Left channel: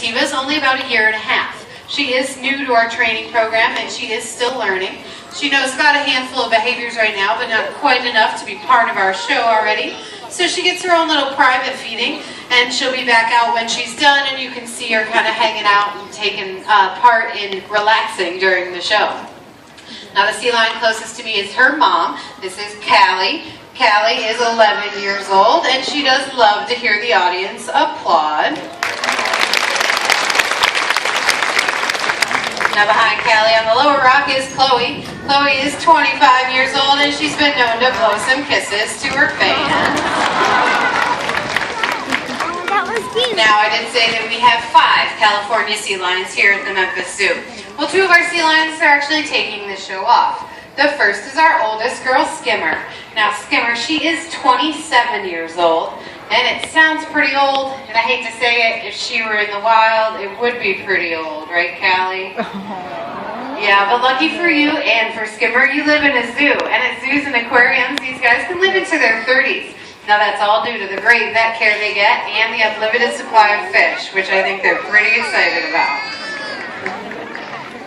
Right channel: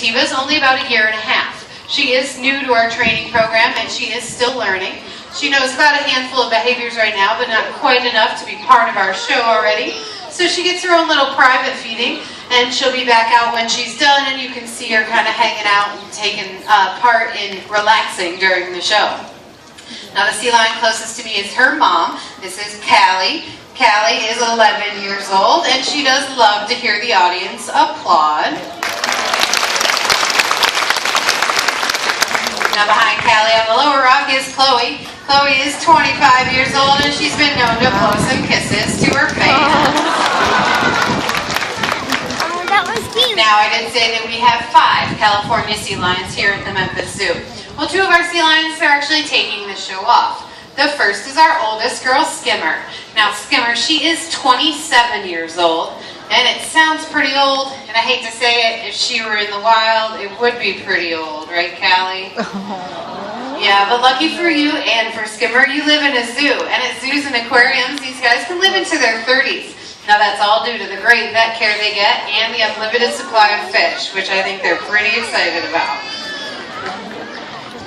Tiva's only about 1.5 years. She is new to our training program and she is still learning. She knows about a handful of behaviors right now, but not quite enough to be part of our show already. So she gets her own little private feeding, and she'll be back out when she's done, and you can see her kind of hanging out and taking part in relaxing during the show. Now the sea lion closest to me is her mom. This is Callie. Callie is 11 years old, and she does love to hear the audience applaud. Now behind Callie on the lower rock is Chloe. Chloe is 25 years old and she's been known to blow some kisses to her fans. Oh, that was cute. Now I did say that we have 5 California sea lions here at the Memphis Zoo. Well, 2 of our sea lions are actually taking the show off. The first is our oldest girl, Skimmer. Now Skimmer, she is 27 years old. And it sounds pretty old, and I hate to say it, if she were in the wild, it would be pretty old, right, Callie? Yeah, but lucky for you and for Skimmer, you live in a zoo. And at zoos and aquariums, these guys can live into their 30s. Now that's all due to the great vet care they get and the unlimited supply of fish, which I think they're pretty excited about.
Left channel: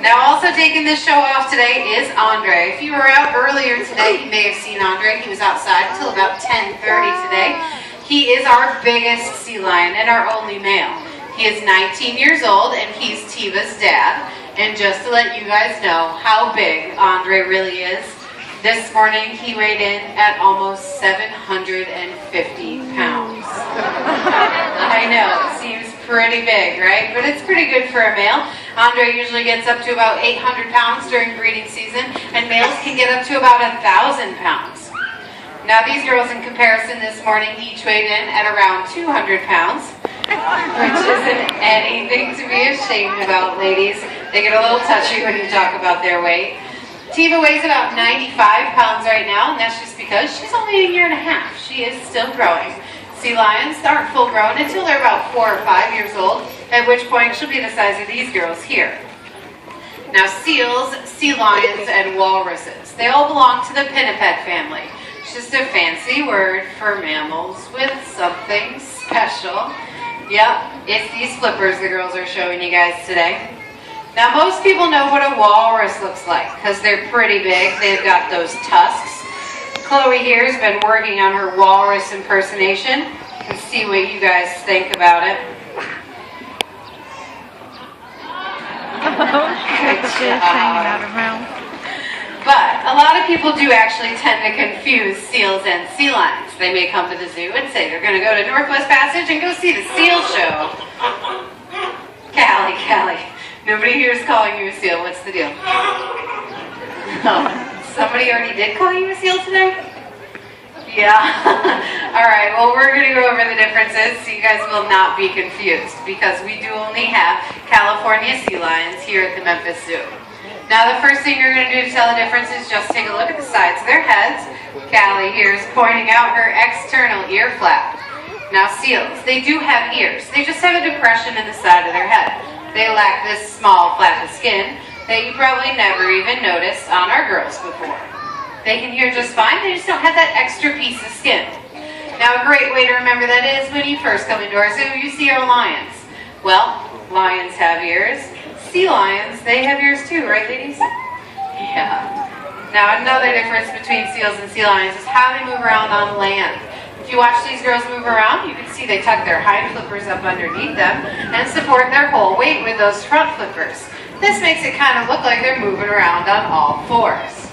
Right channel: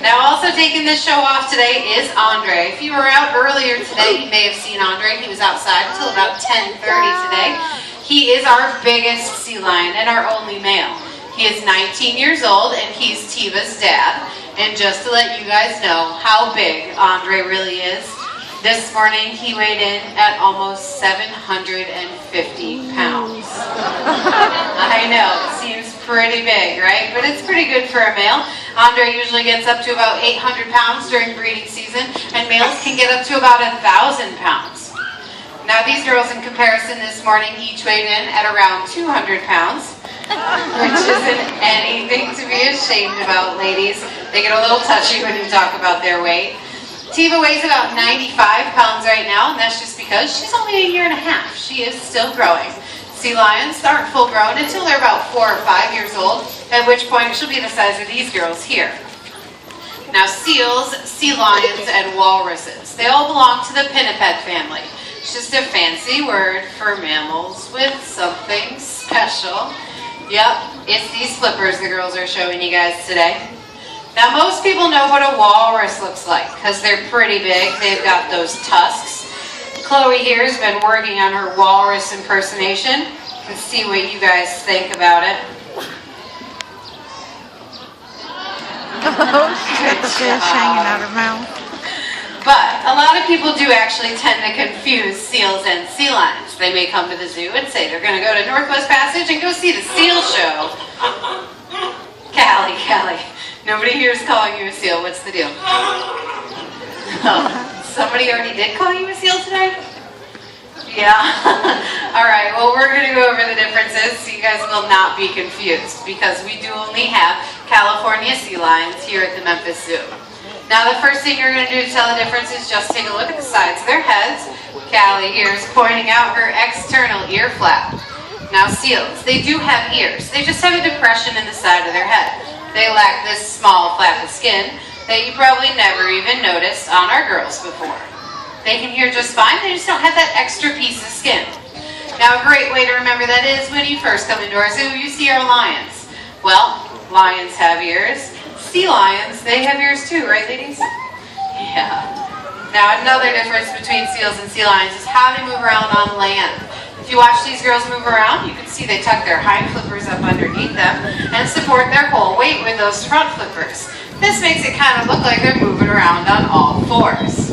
Now also taking this show off today is Andre. If you were out earlier today, you may have seen Andre. He was outside until about 10:30 today. He is our biggest sea lion and our only male. He is 19 years old and he's Tiva's dad. And just to let you guys know how big Andre really is, this morning he weighed in at almost 750 pounds. I know, it seems pretty big, right? But it's pretty good for a male. Andre usually gets up to about 800 pounds during breeding season, and males can get up to about 1,000 pounds. Now these girls in comparison this morning each weighed in at around 200 pounds, which isn't anything to be ashamed about, ladies. They get a little touchy when you talk about their weight. Tiva weighs about 95 pounds right now, and that's just because she's only 1.5 years. She is still growing. Sea lions aren't full grown until they're about 4 or 5 years old, at which point she'll be the size of these girls here. Now seals, sea lions, and walruses, they all belong to the pinniped family. It's just a fancy word for mammals with something special. Yep, it's these flippers the girls are showing you guys today. Now most people know what a walrus looks like because they're pretty big. They've got those tusks. Chloe here has been working on her walrus impersonation. Let's see what you guys think about it. Good job. Hanging out her mouth. But a lot of people do actually tend to confuse seals and sea lions. They may come to the zoo and say they're going to go to Northwest Passage and go see the seal show. Callie, nobody here is calling you a seal. What's the deal? Oh, somebody already did call you a seal today? Yeah. All right, well, we're going to go over the differences so you guys will not be confused because we do only have California sea lions here at the Memphis Zoo. Now the first thing you're going to do to tell the difference is just take a look at the sides of their heads. Callie here is pointing out her external ear flap. Now seals, they do have ears. They just have a depression in the side of their head. They lack this small flap of skin that you probably never even noticed on our girls before. They can hear just fine, they just don't have that extra piece of skin. Now a great way to remember that is when you first come into our zoo, you see our lions. Well, lions have ears. Sea lions, they have ears too, right ladies? Yeah. Now another difference between seals and sea lions is how they move around on land. If you watch these girls move around, you can see they tuck their hind flippers up underneath them and support their whole weight with those front flippers. This makes it kind of look like they're moving around on all fours.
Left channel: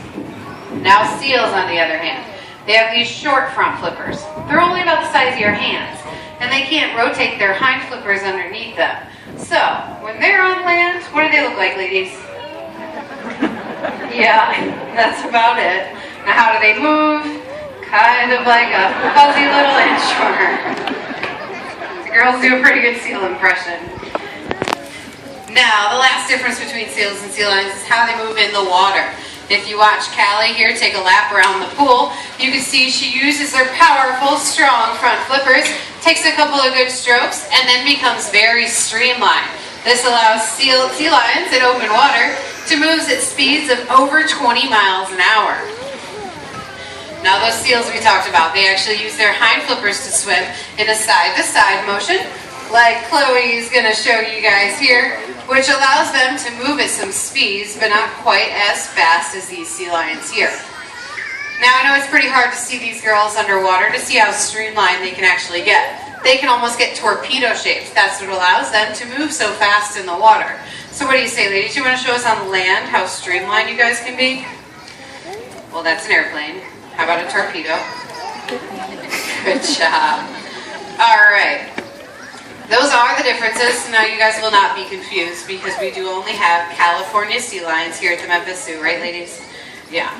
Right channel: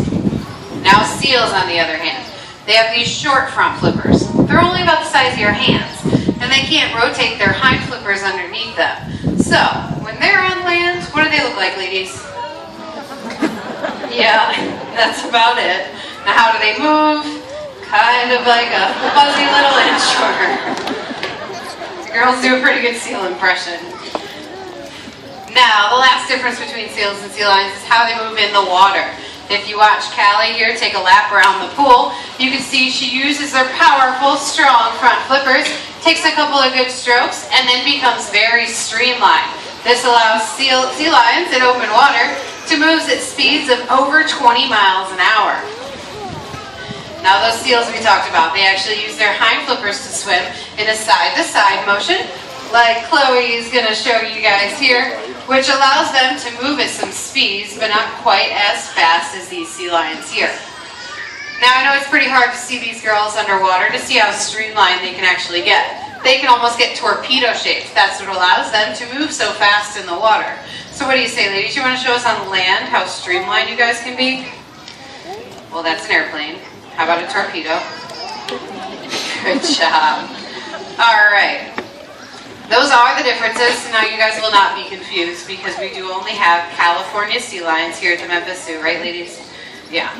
Now seals, on the other hand, they have these short front flippers. They're only about the size of your hands, and they can't rotate their hind flippers underneath them. So, when they're on land, what do they look like, ladies? Yeah, that's about it. Now how do they move? Kind of like a fuzzy little inchworm. The girls do a pretty good seal impression. Now, the last difference between seals and sea lions is how they move in the water. If you watch Callie here take a lap around the pool, you can see she uses her powerful, strong front flippers, takes a couple of good strokes, and then becomes very streamlined. This allows sea lions in open water to move at speeds of over 20 miles an hour. Now those seals we talked about, they actually use their hind flippers to swim in a side-to-side motion. like Chloe is going to show you guys here, which allows them to move at some speeds, but not quite as fast as these sea lions here. Now I know it's pretty hard to see these girls underwater to see how streamlined they can actually get. They can almost get torpedo shaped. That's what allows them to move so fast in the water. So what do you say, ladies? You want to show us on land how streamlined you guys can be? Well, that's an airplane. How about a torpedo? Good job. All right. Those are the differences. Now you guys will not be confused because we do only have California sea lions here at the Memphis Zoo, right, ladies? Yeah.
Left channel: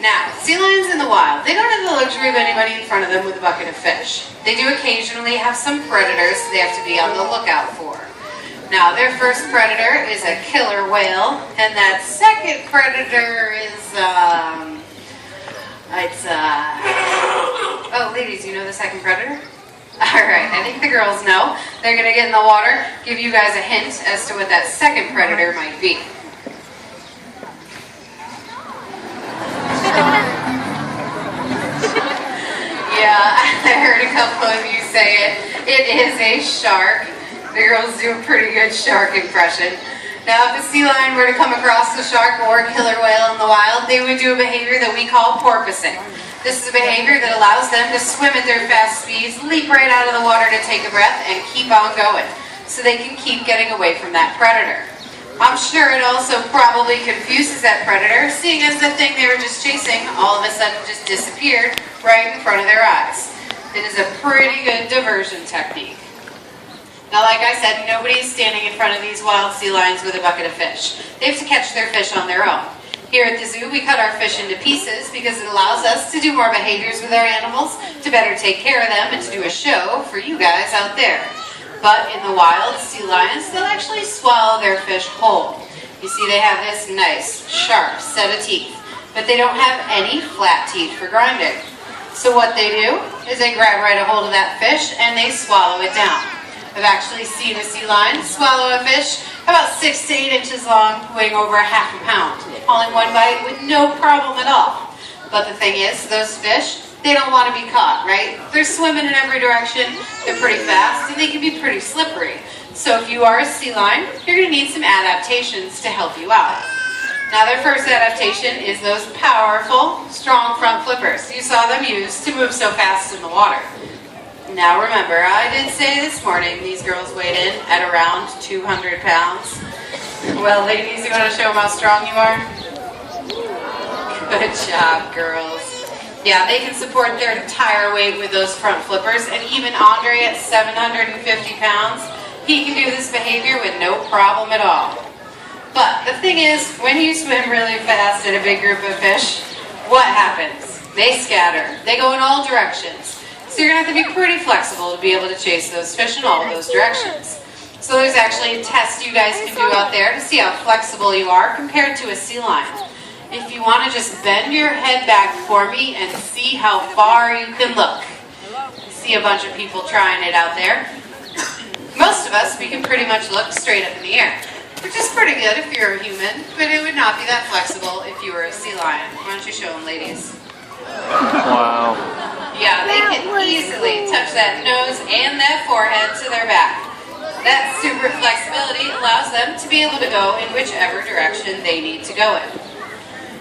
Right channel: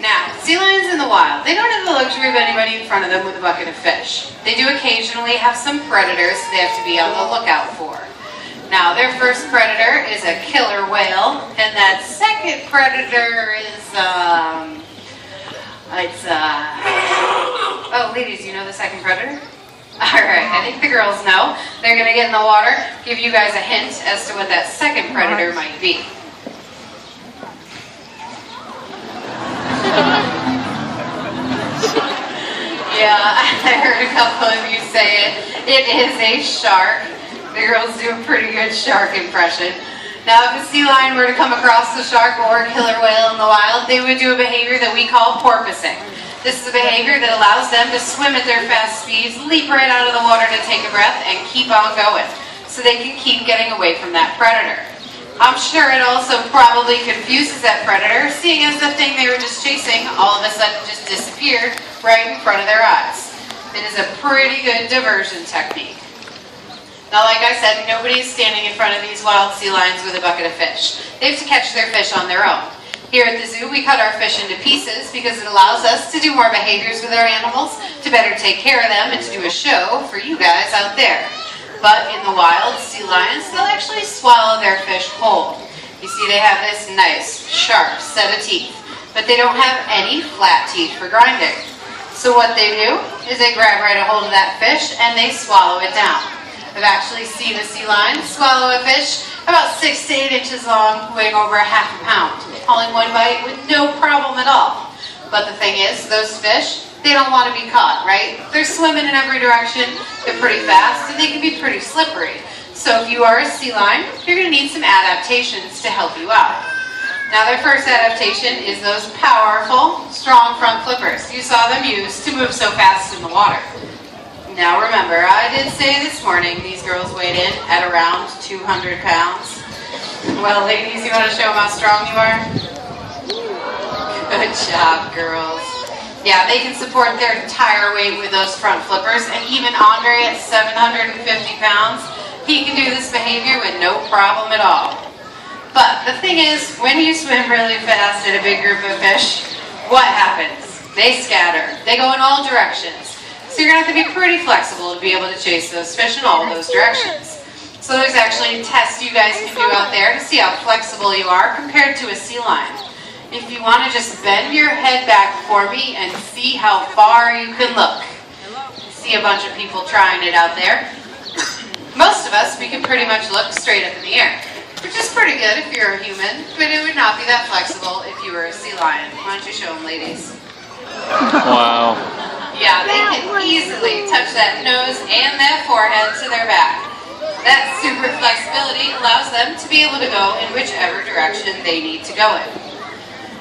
Now, sea lions in the wild, they don't have the luxury of anybody in front of them with a bucket of fish. They do occasionally have some predators they have to be on the lookout for. Now, their first predator is a killer whale, and that second predator is, oh, ladies, you know the second predator? All right, I think the girls know. They're going to get in the water, give you guys a hint as to what that second predator might be. Yeah, I heard a couple of you say it. It is a shark. The girls do a pretty good shark impression. Now, if a sea lion were to come across the shark or a killer whale in the wild, they would do a behavior that we call porpoising. This is a behavior that allows them to swim at their fast speeds, leap right out of the water to take a breath, and keep on going, so they can keep getting away from that predator. I'm sure it also probably confuses that predator, seeing as the thing they were just chasing all of a sudden just disappeared right in front of their eyes. It is a pretty good diversion technique. Now, like I said, nobody is standing in front of these wild sea lions with a bucket of fish. They have to catch their fish on their own. Here at the zoo, we cut our fish into pieces because it allows us to do more behaviors with our animals, to better take care of them, and to do a show for you guys out there. But in the wild, sea lions, they'll actually swallow their fish whole. You see, they have this nice, sharp set of teeth, but they don't have any flat teeth for grinding. So what they do is they grab right a hold of that fish and they swallow it down. I've actually seen a sea lion swallow a fish about 6 to 8 inches long, weighing over ½ a pound, all in one bite with no problem at all. But the thing is, those fish, they don't want to be caught, right? They're swimming in every direction, they're pretty fast, and they can be pretty slippery. So if you are a sea lion, you're going to need some adaptations to help you out. Now, their first adaptation is those powerful, strong front flippers you saw them use to move so fast in the water. Now remember, I did say this morning these girls weighed in at around 200 pounds. Well, ladies, you want to show them how strong you are? Good job, girls. Yeah, they can support their entire weight with those front flippers, and even Andre at 750 pounds, he can do this behavior with no problem at all. But the thing is, when you swim really fast at a big group of fish, what happens? They scatter. They go in all directions. So you're going to have to be pretty flexible to be able to chase those fish in all those directions. So there's actually a test you guys can do out there to see how flexible you are compared to a sea lion. If you want to just bend your head back for me and see how far you can look. I see a bunch of people trying it out there. Most of us, we can pretty much look straight up in the air, which is pretty good if you're a human, but it would not be that flexible if you were a sea lion. Why don't you show them, ladies? Wow. Yeah, they can easily touch that nose and that forehead to their back. That super flexibility allows them to be able to go in whichever direction they need to go in.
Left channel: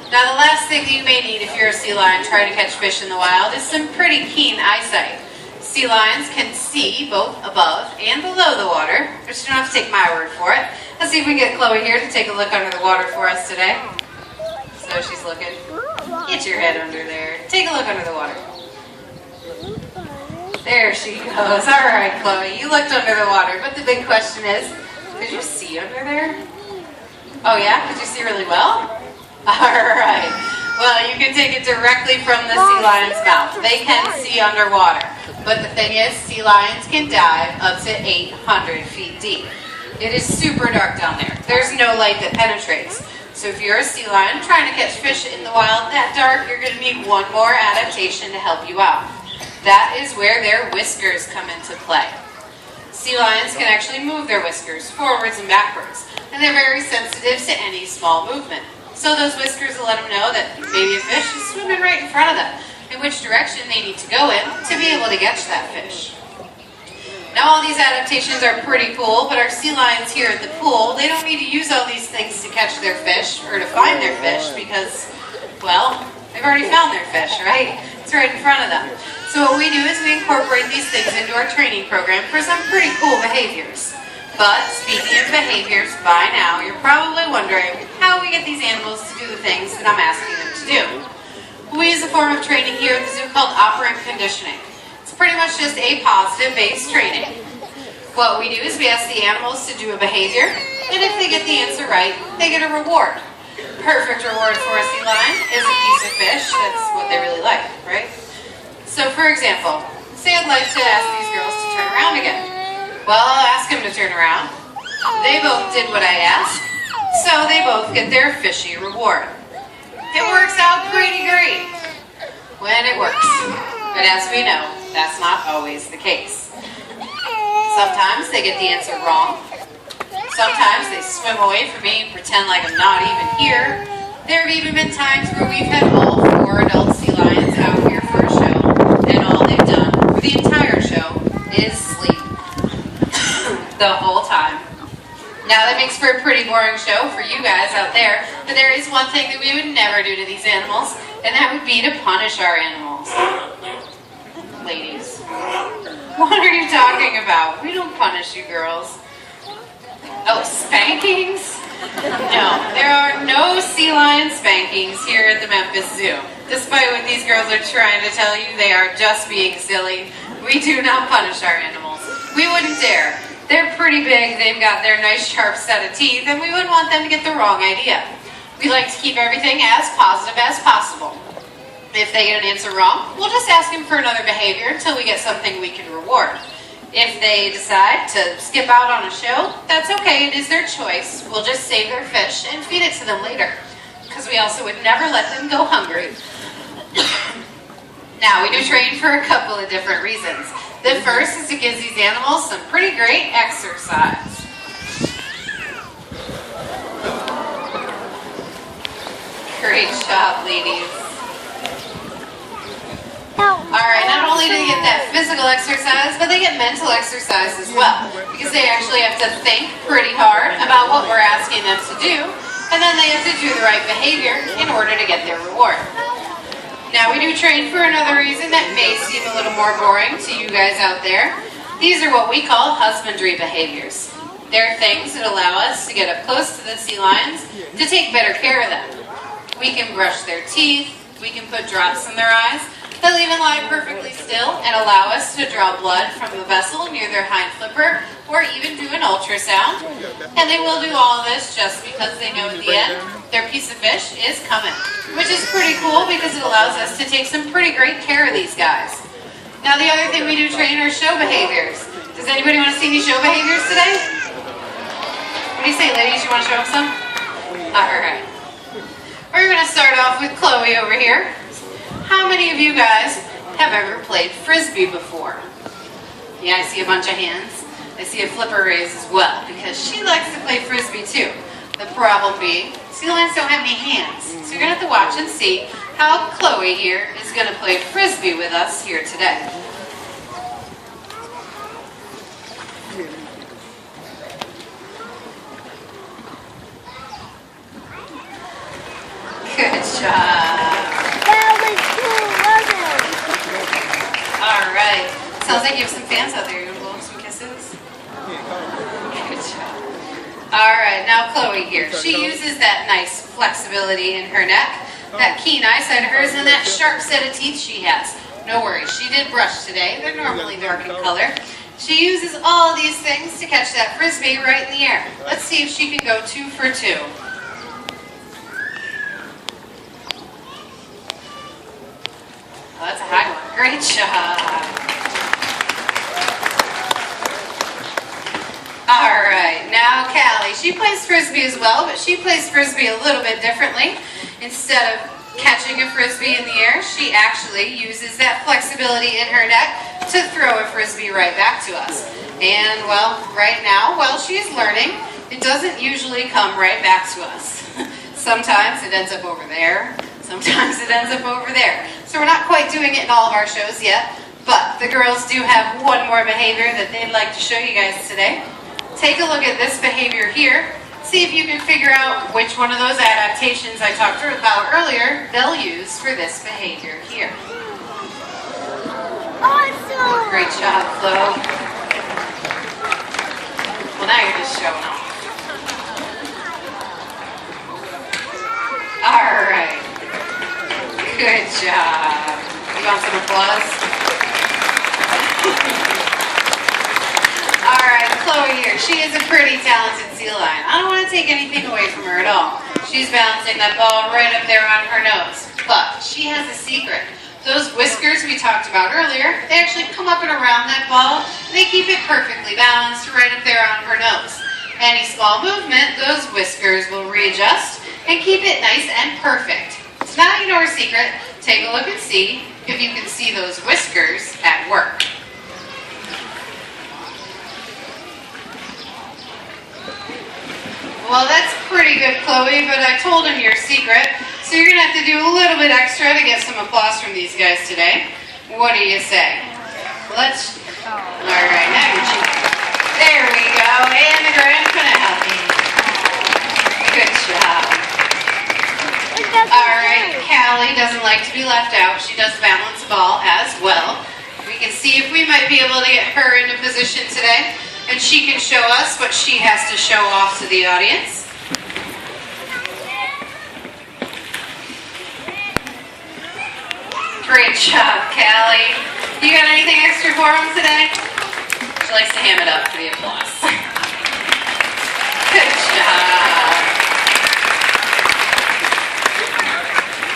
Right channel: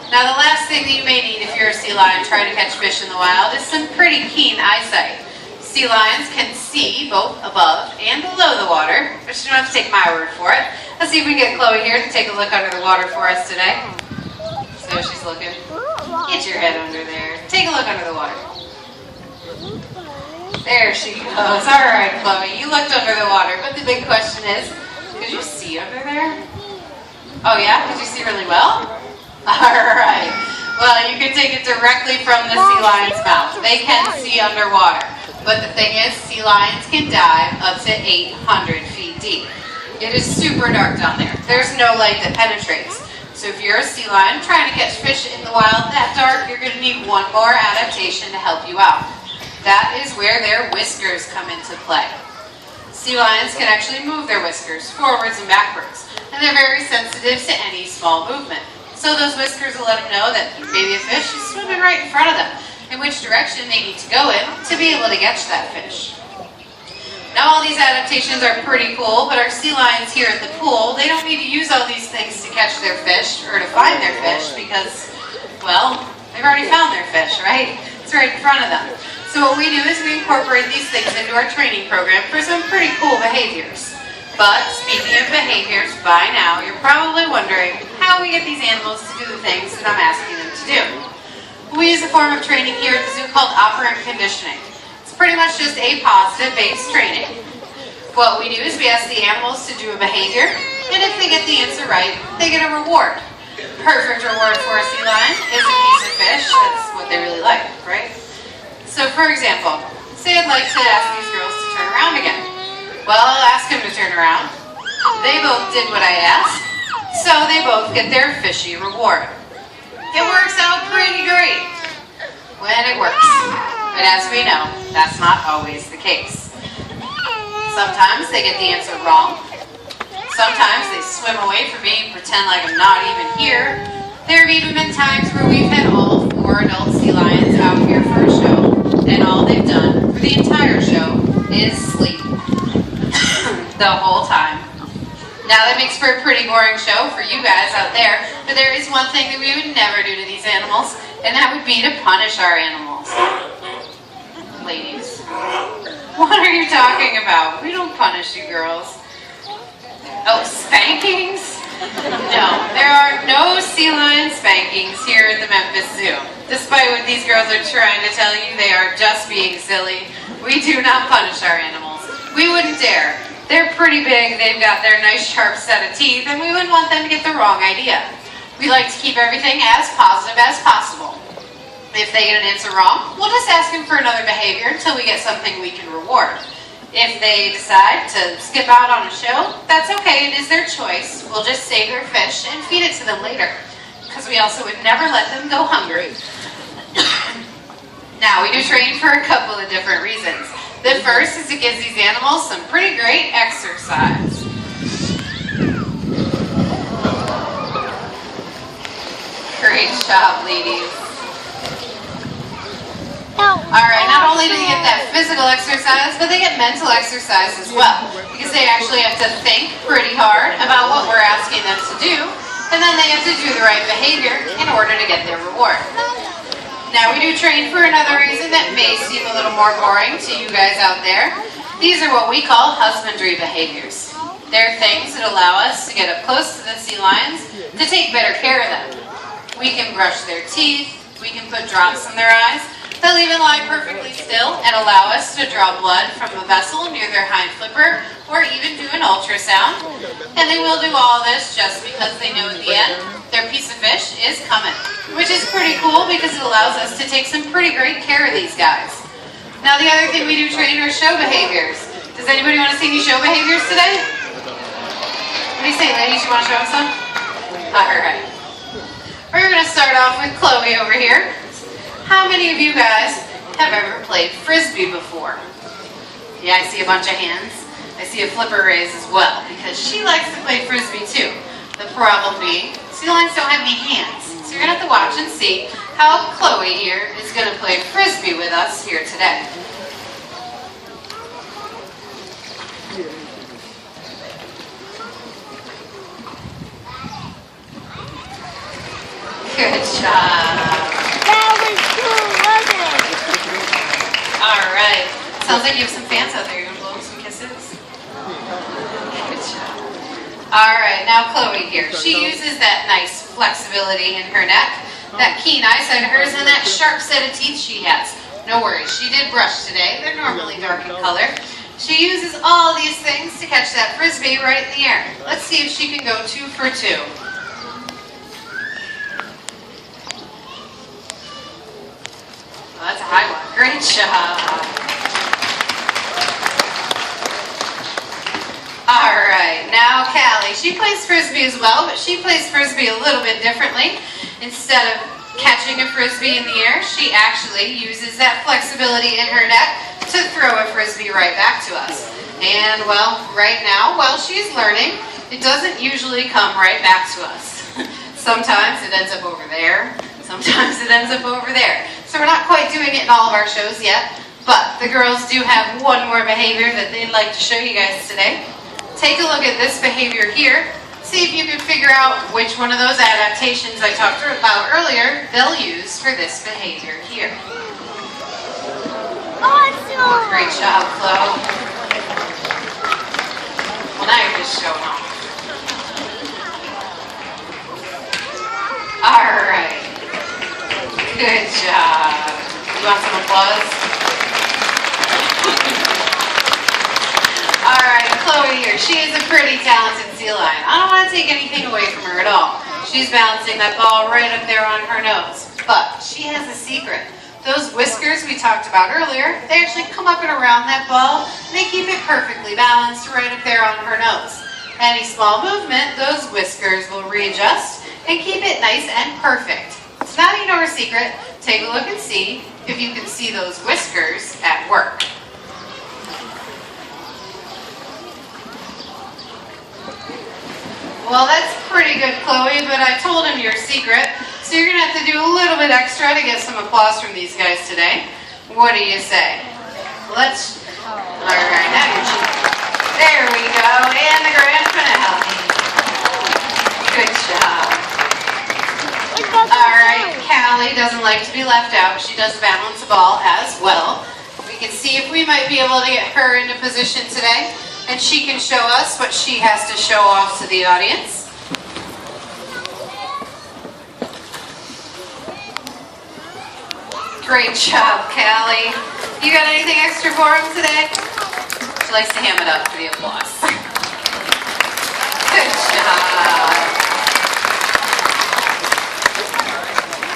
Now, the last thing that you may need if you're a sea lion trying to catch fish in the wild is some pretty keen eyesight. Sea lions can see both above and below the water, but you don't have to take my word for it. Let's see if we can get Chloe here to take a look under the water for us today. So she's looking. Get your head under there. Take a look under the water. There she goes. All right, Chloe, you looked under the water, but the big question is, could you see under there? Oh yeah, could you see really well? All right. Well, you can take it directly from the sea lion's mouth. They can see underwater, but the thing is, sea lions can dive up to 800 feet deep. It is super dark down there. There's no light that penetrates. So if you're a sea lion trying to catch fish in the wild that dark, you're going to need one more adaptation to help you out. That is where their whiskers come into play. Sea lions can actually move their whiskers forwards and backwards, and they're very sensitive to any small movement. So those whiskers will let them know that maybe a fish is swimming right in front of them, in which direction they need to go in to be able to catch that fish. Now all these adaptations are pretty cool, but our sea lions here at the pool, they don't need to use all these things to catch their fish or to find their fish because, well, they've already found their fish, right? It's right in front of them. So what we do is we incorporate these things into our training program for some pretty cool behaviors. But speaking of behaviors, by now you're probably wondering how we get these animals to do the things that I'm asking them to do. We use a form of training here at the zoo called operant conditioning. It's pretty much just a positive-based training. What we do is we ask the animals to do a behavior, and if they get the answer right, they get a reward. Perfect reward for a sea lion is a piece of fish. That's what they really like, right? So for example, say I'd like to ask these girls to turn around again. Well, I'll ask them to turn around. They both did what I asked, so they both get their fishy reward. It works out pretty great when it works. But as we know, that's not always the case. Sometimes they get the answer wrong. Sometimes they swim away from me and pretend like I'm not even here. There have even been times where we've had all 4 adult sea lions out here for a show, and all they've done for the entire show is sleep the whole time. Now that makes for a pretty boring show for you guys out there, but there is one thing that we would never do to these animals, and that would be to punish our animals. Ladies, what are you talking about? We don't punish you girls. Oh, spankings? No, there are no sea lion spankings here at the Memphis Zoo. Despite what these girls are trying to tell you, they are just being silly. We do not punish our animals. We wouldn't dare. They're pretty big, they've got their nice sharp set of teeth, and we wouldn't want them to get the wrong idea. We like to keep everything as positive as possible. If they get an answer wrong, we'll just ask them for another behavior until we get something we can reward. If they decide to skip out on a show, that's okay, it is their choice. We'll just save their fish and feed it to them later, because we also would never let them go hungry. Now, we do train for a couple of different reasons. The first is to give these animals some pretty great exercise. Great job, ladies. Alright, not only do they get that physical exercise, but they get mental exercise as well. Because they actually have to think pretty hard about what we're asking them to do, and then they have to do the right behavior in order to get their reward. Now we do train for another reason that may seem a little more boring to you guys out there. These are what we call husbandry behaviors. They're things that allow us to get up close to the sea lions to take better care of them. We can brush their teeth, we can put drops in their eyes, they'll even lie perfectly still and allow us to draw blood from a vessel near their hind flipper or even do an ultrasound. And they will do all of this just because they know at the end their piece of fish is coming. Which is pretty cool because it allows us to take some pretty great care of these guys. Now the other thing we do train are show behaviors. Does anybody want to see these show behaviors today? What do you say, ladies? You want to show them some? Alright. We're going to start off with Chloe over here. How many of you guys have ever played Frisbee before? Yeah, I see a bunch of hands. I see a flipper raise as well because she likes to play Frisbee too. The problem being, sea lions don't have any hands. So you're going to have to watch and see how Chloe here is going to play Frisbee with us here today. Good job. That was cool, wasn't it? All right. Sounds like you have some fans out there. You want to blow them some kisses? Good job. All right, now Chloe here. She uses that nice flexibility in her neck, that keen eyesight of hers, and that sharp set of teeth she has. No worries, she did brush today. They're normally dark in color. She uses all these things to catch that Frisbee right in the air. Let's see if she can go 2 for 2. Well, that's a high one. Great job. All right, now Callie. She plays Frisbee as well, but she plays Frisbee a little bit differently. Instead of catching a Frisbee in the air, she actually uses that flexibility in her neck to throw a Frisbee right back to us. And, well, right now, while she's learning, it doesn't usually come right back to us. Sometimes it ends up over there. Sometimes it ends up over there. So we're not quite doing it in all of our shows yet, But the girls do have one more behavior that they'd like to show you guys today. Take a look at this behavior here. See if you can figure out which one of those adaptations I talked about earlier they'll use for this behavior here. Awesome! Great job, Flo. Well, now you're just showing off. All right. Good job. You want some applause? All right, Chloe here. She is a pretty talented sea lion. I don't want to take anything away from her at all. She's balancing that ball right up there on her nose. But she has a secret. Those whiskers we talked about earlier, they actually come up and around that ball, and they keep it perfectly balanced right up there on her nose. Any small movement, those whiskers will readjust and keep it nice and perfect. So now that you know her secret, take a look and see if you can see those whiskers at work. Well, that's pretty good, Chloe, but I told him your secret, so you're going to have to do a little bit extra to get some applause from these guys today. What do you say? Let's... All right, now you're cheating. There we go, and the grand finale. Good job. All right, Callie doesn't like to be left out. She does balance the ball as well. We can see if we might be able to get her into position today, and she can show us what she has to show off to the audience. Great job, Callie. You got anything extra for him today? She likes to ham it up for the applause. Good job.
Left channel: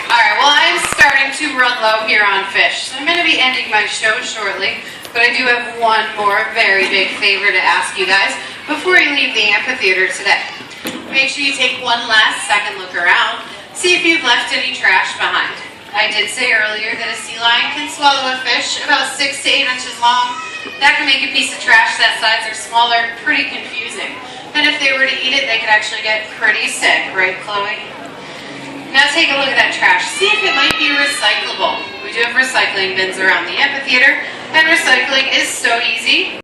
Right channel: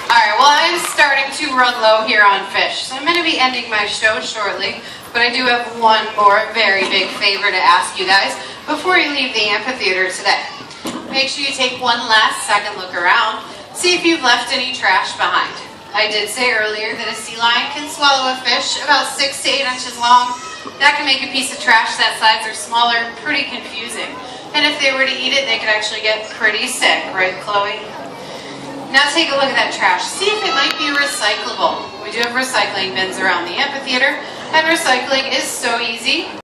All right, well, I'm starting to run low here on fish, so I'm going to be ending my show shortly, but I do have one more very big favor to ask you guys before you leave the amphitheater today. Make sure you take one last second look around, see if you've left any trash behind. I did say earlier that a sea lion can swallow a fish about 6 to 8 inches long. That can make a piece of trash that size or smaller pretty confusing. And if they were to eat it, they could actually get pretty sick, right, Chloe? Now take a look at that trash. See if it might be recyclable. We do have recycling bins around the amphitheater, and recycling is so easy.